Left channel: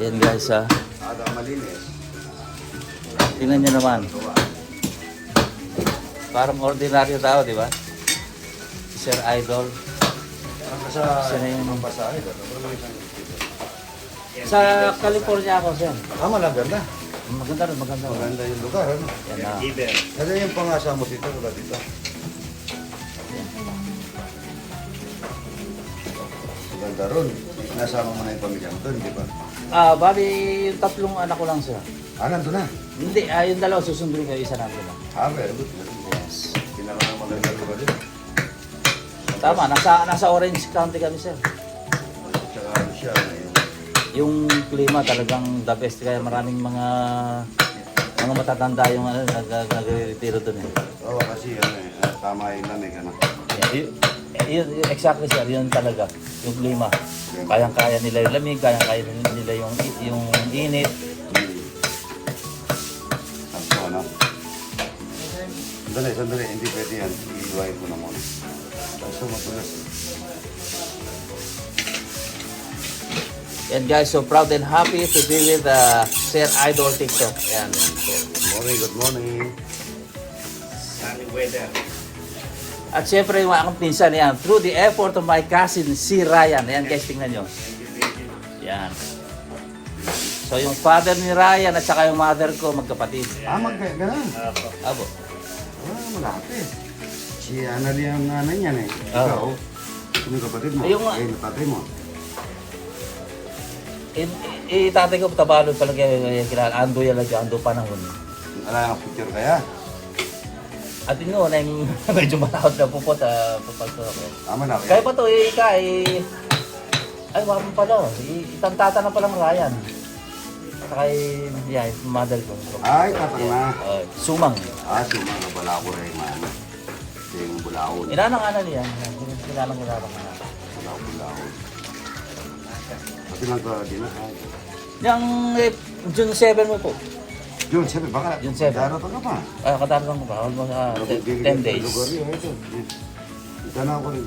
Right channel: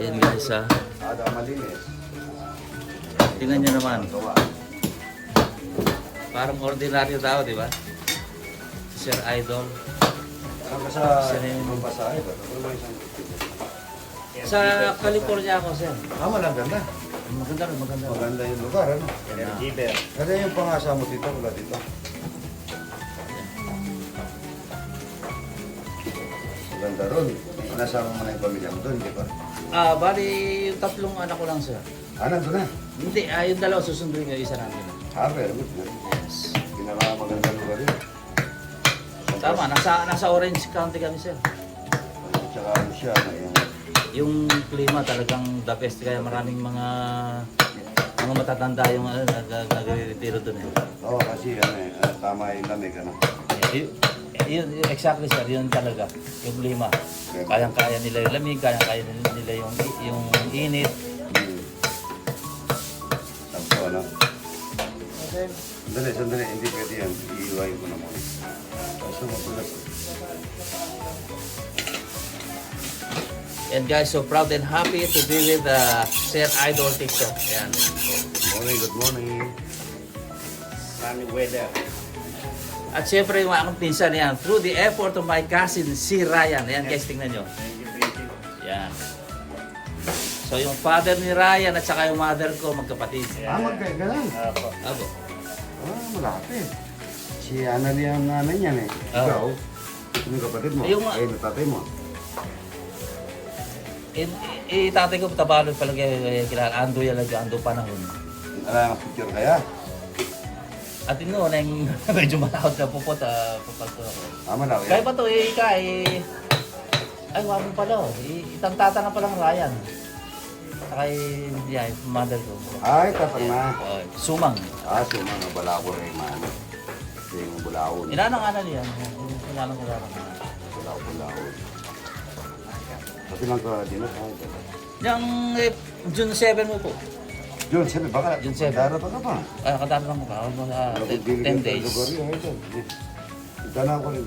Yan guys ha. Tingnan nyo naman. Parang ordinaryo tao, di ba? Si Sir Idol. Sa California ako, sir. Maganda. Maganda rin, maganda. Maganda yung lugar, ano? Kasi yung pangasa mo dito, wala dito. Maganda ron. Nasama mo na yung pamilya mo doon, di ba? Bali, 3 anak ko lang, sir. Nandun na. Hindi, yung 2 susundin ko, isa namin. Very good. Pinakamaganda lugar din. Tama, nasa Orange County kami, sir. Tsaka ano siya, Yung klima talagang the best, kaya maraming mga matatanda yung nag-retiro doon eh. Oo, kasi yan tama yung lamig, ano? Exactly, sir, yun talaga, yung klima. Kayang-kaya nila yung lamig, kayang-kaya nila yung init. Sakto, ano? Sandali, hindi pwede yan. Iiwain ko na muna. Kaso matulas. And guys, so proud and happy to be with Sir Idol TikTok. Ayan po. Good morning. Sunny weather. At syempre yung aking pinsan yan, through the effort of my cousin, si Ryan. Ayan guys, tingnan nyo. Yan. So yung father ni Ryan at saka yung mother ko, magkapatid. Ganun. Abo. Malaki. Si Annalyn yung nanay niyan eh. Ikaw, sino yung kapatid mo? Natatay mo. Tatay ko, tabalod pala kaya Ando yan lagi, Ando panahon. Alam ang picture kaya? At yun na yung medyo malakot na pupot, pupagto ako. Malaki. Kaya pa to, ay, wala mo pala. Itang tata na pala ng Ryan. Saka yung mother ko. Ay, tatang na. Sumang. Sumang. Balako rin man. Yung bulao. Inanang niyan. Inanang. Bulao. Pati lang ka din na. Yung June 7 mo po. June 7, baka June 7. darating ka pa. Katarang ko ba? 10 days. Ito na ako rin.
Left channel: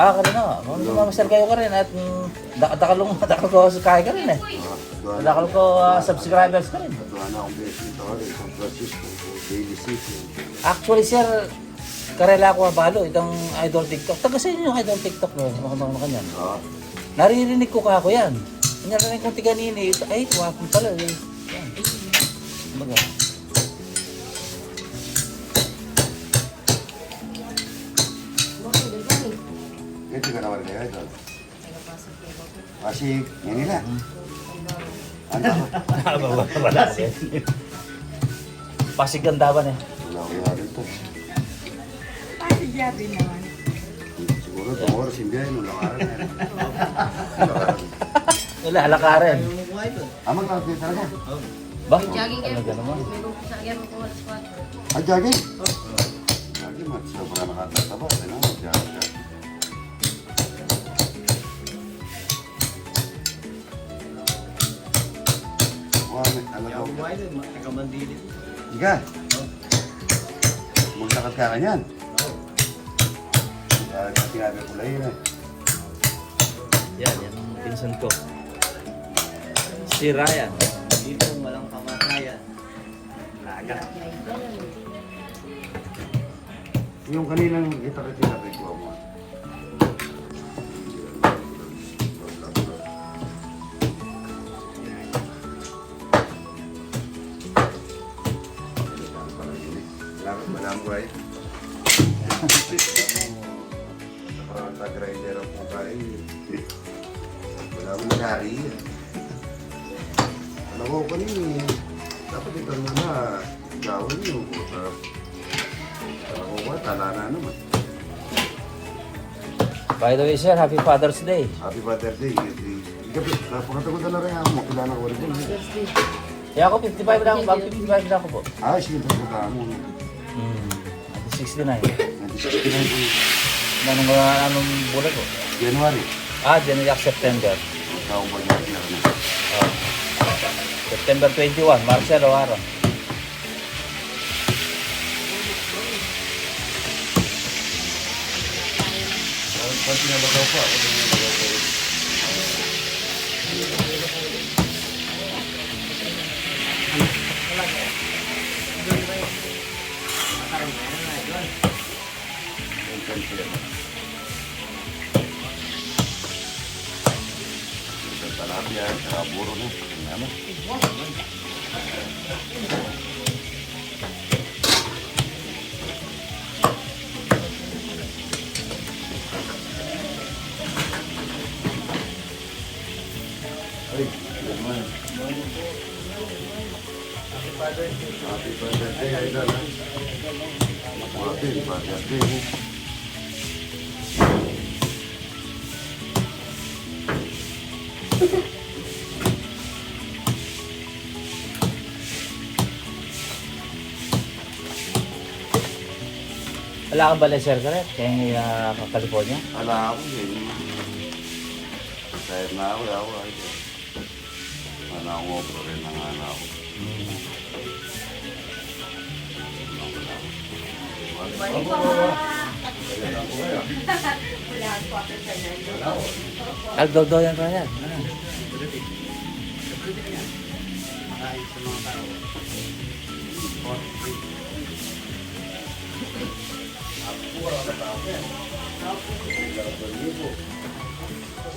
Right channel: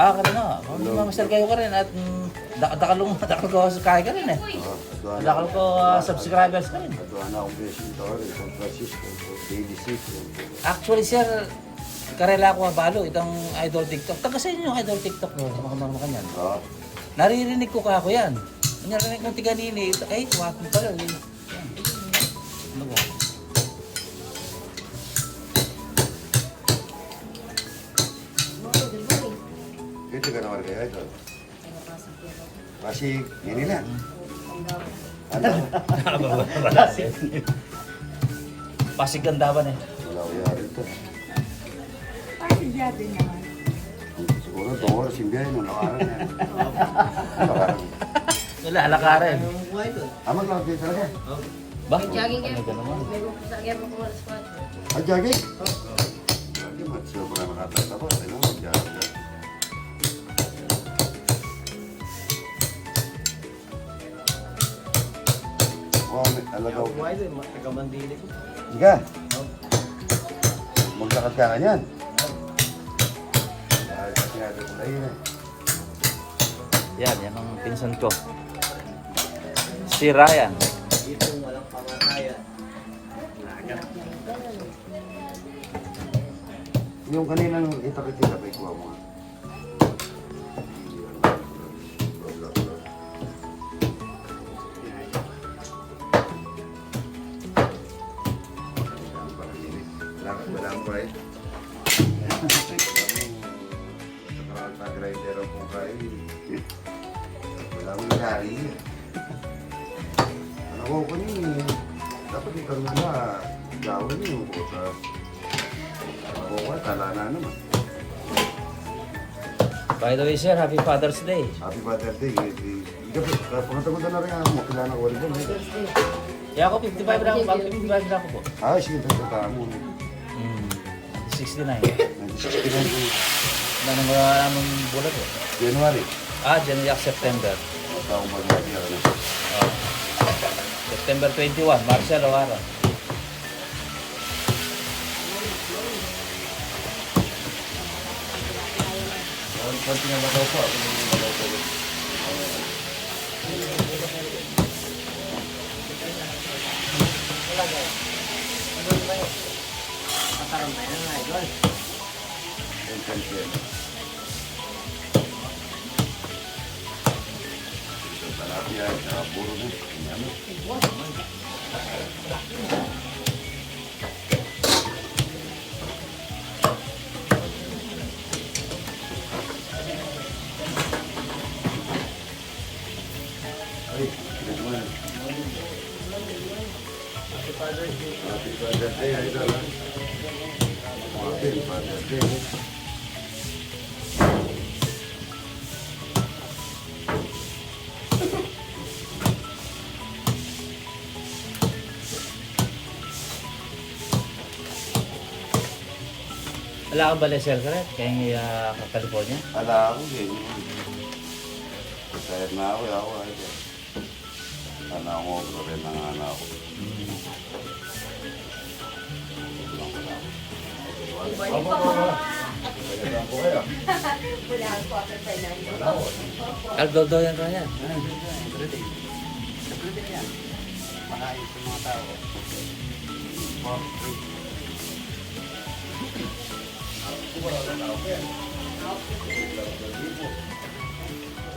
Kanina. Mamaster kayo ka rin at dakalong ko kaya ka rin eh. Dakalong ko subscribers ka rin. Doon na akong blessing to rin. San Francisco, Daily City. Actually sir, karela ko balo itong Idol TikTok. Taga sa inyo yung Idol TikTok mo, mga kanyan. Naririnig ko ka ako yan. Narinig kong tiga nini, ay, tuwapin pala eh. Baga. Ito ka naman kaya ito. Pasig, Manila. Ano? Pasig Gandaban eh. Wala ko yari ito. Pasig yabi naman. Siguro, itong oras yung biyahe mo, nakaran na. Wala, alakarin. Maglalagay talaga. Ba? Jogging kayo. Ano ka naman? May gumpisagyan mo kung alas 4. Jogging? Jogging, matso. Baka nakatataba. Ano, mag-jogging. Alagaw. Sige. Maglakas ka kanyan. Sinabi ko lang yun eh. Yan ang pinsan ko. Si Ryan. Dito walang kamatayan. Yung kaninang itakit ko mo. Right? Nakakaraan grinder ang po kayo. Wala mo nalari. Alam ko kanina, dapat ito na gawin niyo. Alam ko tala na naman. By the way sir, Happy Father's Day. Happy Father's Day. Gabi, pangatagot na rin ako. Makilala ko rin po. Kaya ako 55 na ako, 55 na ako po. Sige, pagkakaan mo. 69. 1969 po. Anong bulan po? January. January, September. Ang taong pag-iaki ako na. September 21, Marcelo Ara. Pag pinabataw ko, ako yung nabataw ko. Talapia, buro na. Ano? Ay, hindi naman. Happy birthday, Idol. Happy birthday. Wala kang balay, sir, ka rin? Kaya yung California? Ala ako yan. Retired na ako, Idol. Sana ako obra rin ang anak ko. Aldo yan ka yan.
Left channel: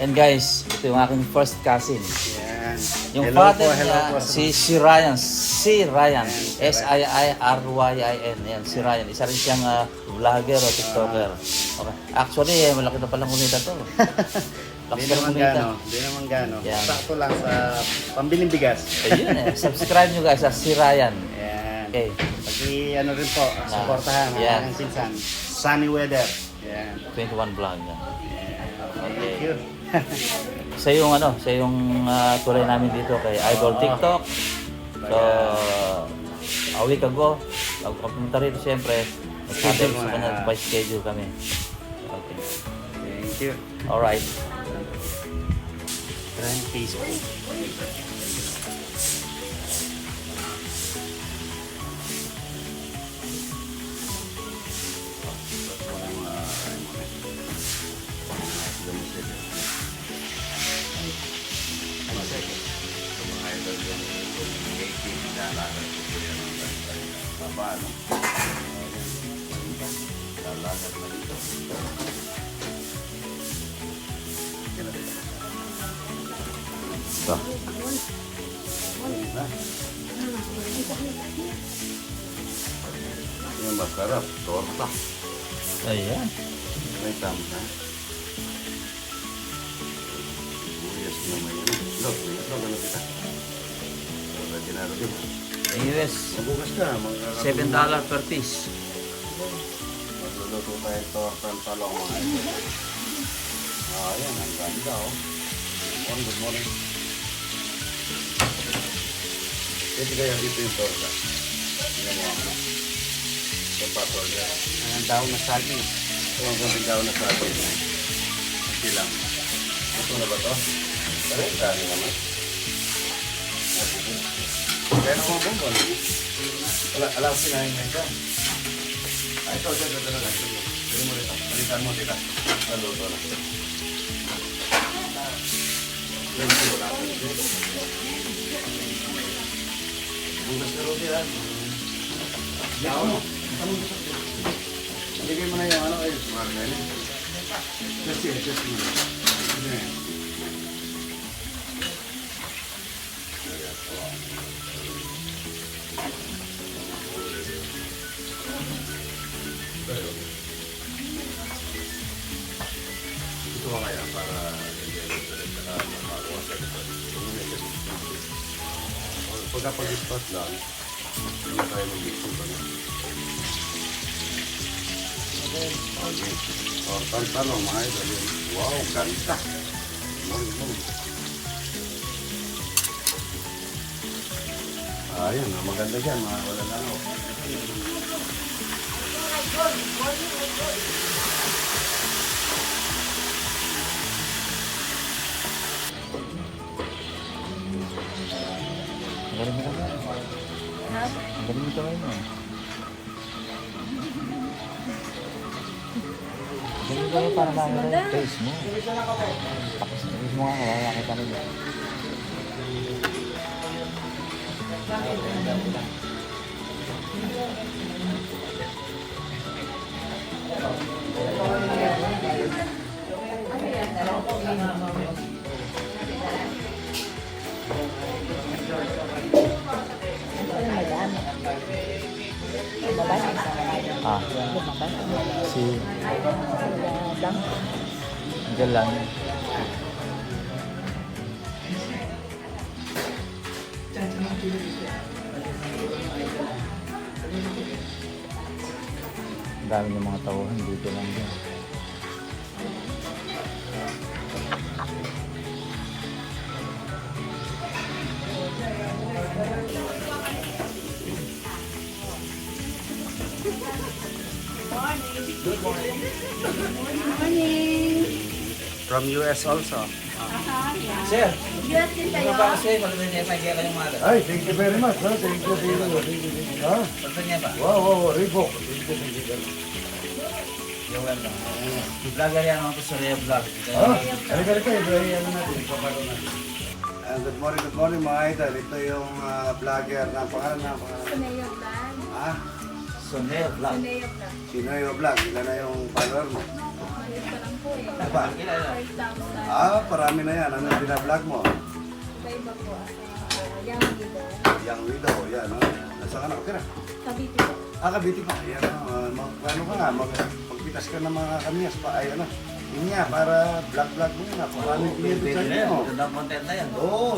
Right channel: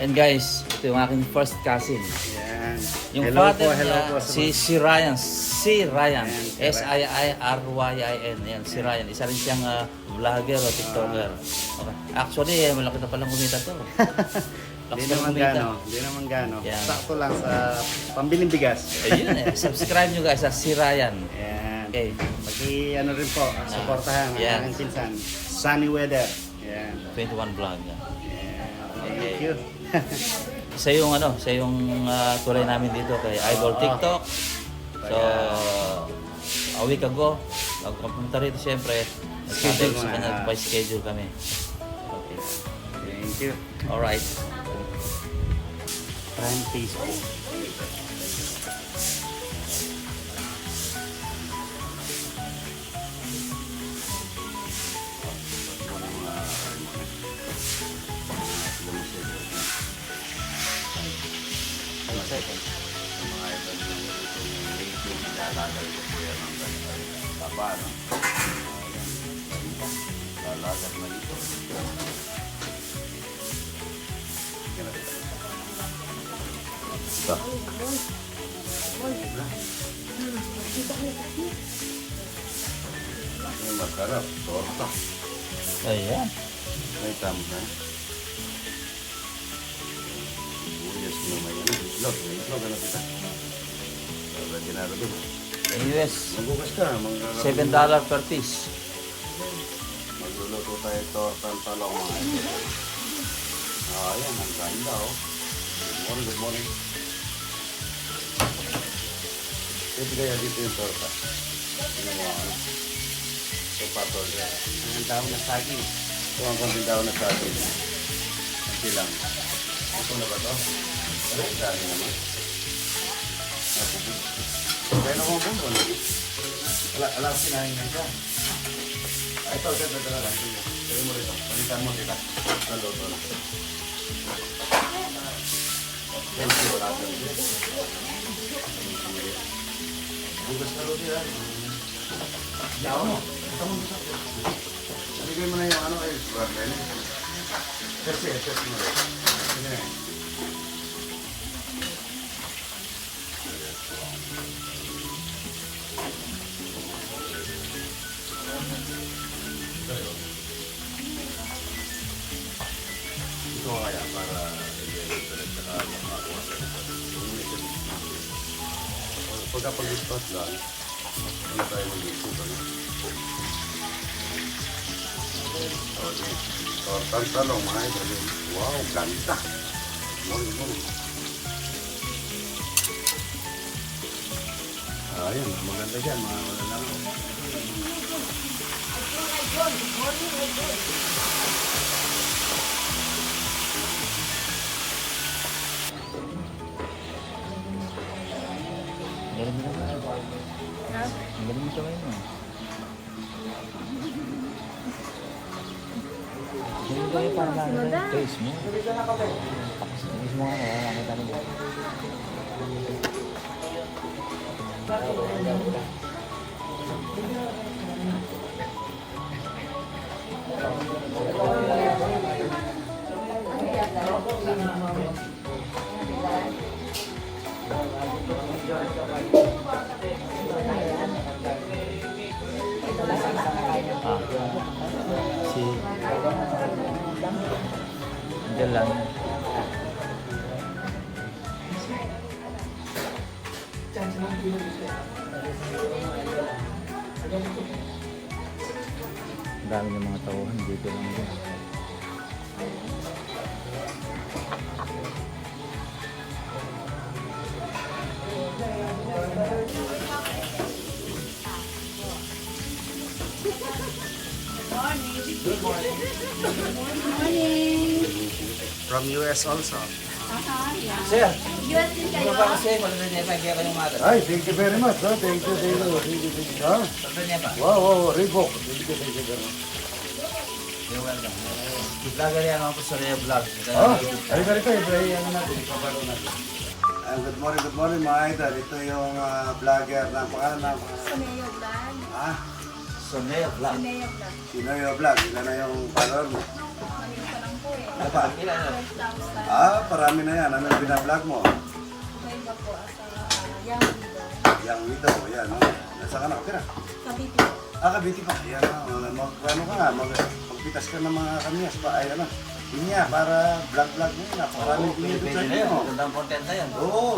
And guys, ito yung aking first cousin. Yan. Yung Hello father po, hello niya, po. si Ryan. Si Ryan. Ayan, si S-I-I-R-Y-I-N. Yan, si Ryan. Isa rin siyang vlogger o TikToker. Okay. Actually, malaki na palang kumita to. Lakas Hindi palang naman kumita. gano, hindi naman gano. Yan. Sakto lang sa pambiling bigas. Ayun eh. Subscribe nyo guys sa si Ryan. Yan. Okay. Pati ano rin po, supportahan ang Yan. aking pinsan. Sunny weather. Yan. 21 vlog yan. Thank Okay. you. Siya yung tulay namin dito kay Idol TikTok. So, a week ago, bago kami pumunta rito, siyempre, nagsabi ko sa kanya, by schedule kami. Okay. Thank you. Alright. Prime Facebook. Wala mga sa mga idol yung itong native nilalagal ko po yan ang taba, no? Ayan, ganun pa. Lalagal na ito. Ito. Yung masarap, torta. Ayan. May tama. Sibuyas na may ano, itlog. May itlog, ano kita? Para ginaro din. US, Magugas ka, $7 per piece. Magluluto tayo tortang talong mga ito. Ayan, ang ganda oh. Good morning. Pwede kaya dito yung torta. Tingnan mo ako. Sa patol dyan. Ang daw na saging. Ito ang konting daw na sa atin. Kunti lang. Ito na ba to? Pero dami naman. Kaya na kong bumbon. Alam ko sinahin nga siya. Ay, ito talaga. Ito mo rito. Palitan mo kita. Luto na. Bugas na roti yan. Yaw mo. Nabigay mo na yung ano ay problem. Chef mo rin. Ito kaya para makakuha sa likod. Pagka pag-spot lang, hindi tayo mag-spot lang. Okay. Talong mga idol yun. Wow, ganda. Morning. Ayan, maganda dyan. Wala na ako. Ang galing mo naman. Ha? Ang galing mo kamay mo. Sige ko para makita yung face mo. Pakis mo nga, kaya makita nila. Ah. Si... Diyan lang yan. Ang dami ng mga tauhan dito lang din. From US also. Sir, US din kayo. ano ba kasi maganda niya pa kayong mother? Ay, thank you very much. Thank you, thank you, thank you, thank you. Ah, Basta niya pa. wow, Reebok. Thank you very much. You're welcome. Vlogger yan ako sa Rio Vlog. Oh, halika, i-play ano natin, ipaparo natin. Good morning mga idol. Ito yung vlogger na pangalan na pangalan. Suneo Vlog. Ah, Soneo Vlog. Suneo Vlog. Sinoyo Vlog. Ilan na yung follower mo? Maliit pa lang po eh. Ano ba? Ilan na? 5,000. Ah, parami na yan. Ano yung binablog mo? Iba-iba po sa Young Widow. Young widow, yan. No? Nasa ka na? Okay na. Cavite po. Ah, Cavite pa. Yan. Ano ka nga, magpitas ka ng mga kamyas pa. Ay, ano. Inya, para vlog-vlog mo yun. Maraming pinito sa Pwede na yan. inyo. Magandang content na yan. Oo,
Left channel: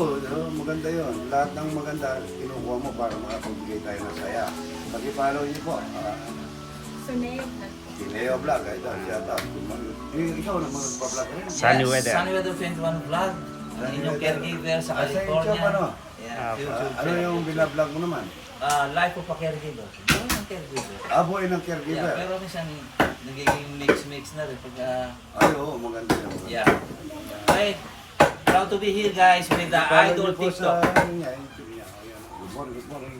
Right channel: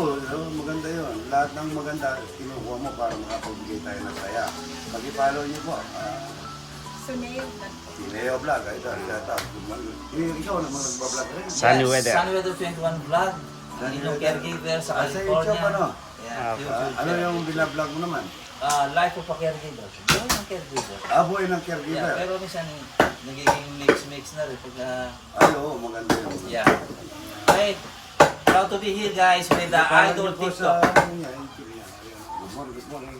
maganda yun. Lahat ng maganda, kinukuha mo para makapagbigay tayo ng saya. Pag-i-follow niyo po. Suneo Vlog po. Sineo Vlog, ay dahil shout out. Good morning. Ikaw naman nagpa-vlog rin. Sunny weather. Sunny Weather 21 Vlog. Ang Sunny inyong Weather. caregiver sa Sa California. YouTube, ano? Yeah, YouTube. Ano yung binablog mo naman? Life of a caregiver. Buhay ng caregiver. Aboy ng Yeah, caregiver. pero minsan nagiging mix na rin pag Ay, oo, maganda yun. yeah. Right. Proud to be here guys with the Follow Idol niyo po TikTok. sa ano niya, YouTube niya. Ayan. Good morning, good morning.